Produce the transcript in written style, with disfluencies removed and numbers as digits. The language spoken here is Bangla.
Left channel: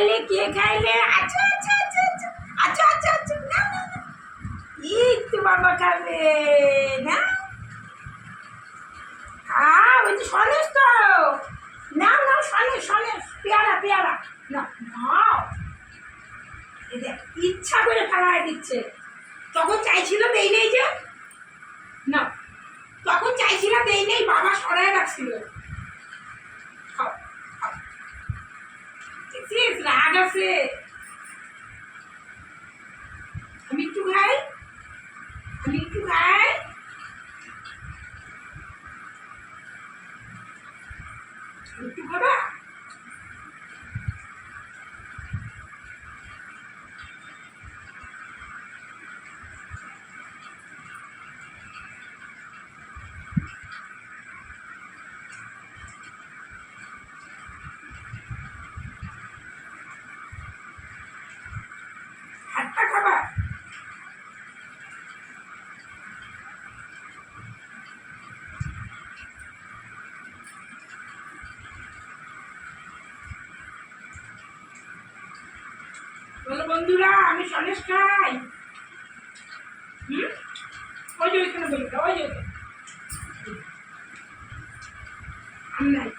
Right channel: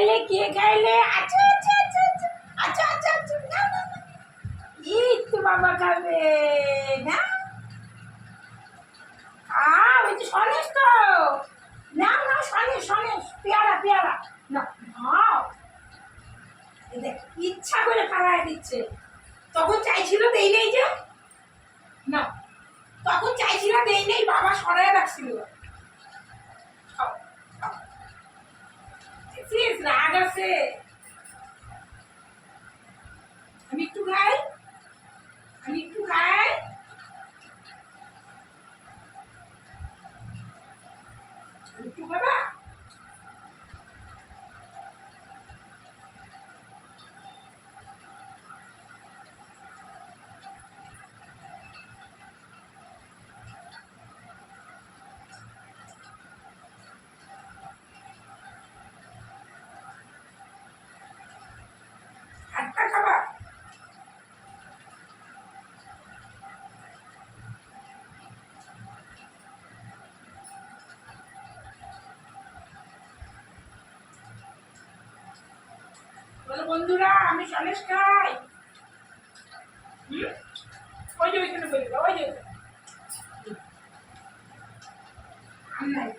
খাইলে কে খাইলে? আচ্ছা আচ্ছা আচ্ছা আচ্ছা আচ্ছা আচ্ছা আচ্ছা না না না। এই তো বাবা খাবে না। ওই যে সনেশ তো। না না সনেশ সনেশ পেয়ারা পেয়ারা না নাও। এই দেখ ইচ্ছা করে খাওয়াই দিচ্ছে। তখন চাইছিল দেই নেই যে না, তখন চাইছিল দেই নেই, বাবা সরায় রাখছিল। খাও খাও। রাগ আছে। আমি একটু খাই, আমি একটু খাই। একটু খাবা? হাতটা খাবা? বলো বন্ধুরা আমি সনেশ খাই। ওই যে ওইখানে বই, ওই যে আর নাই।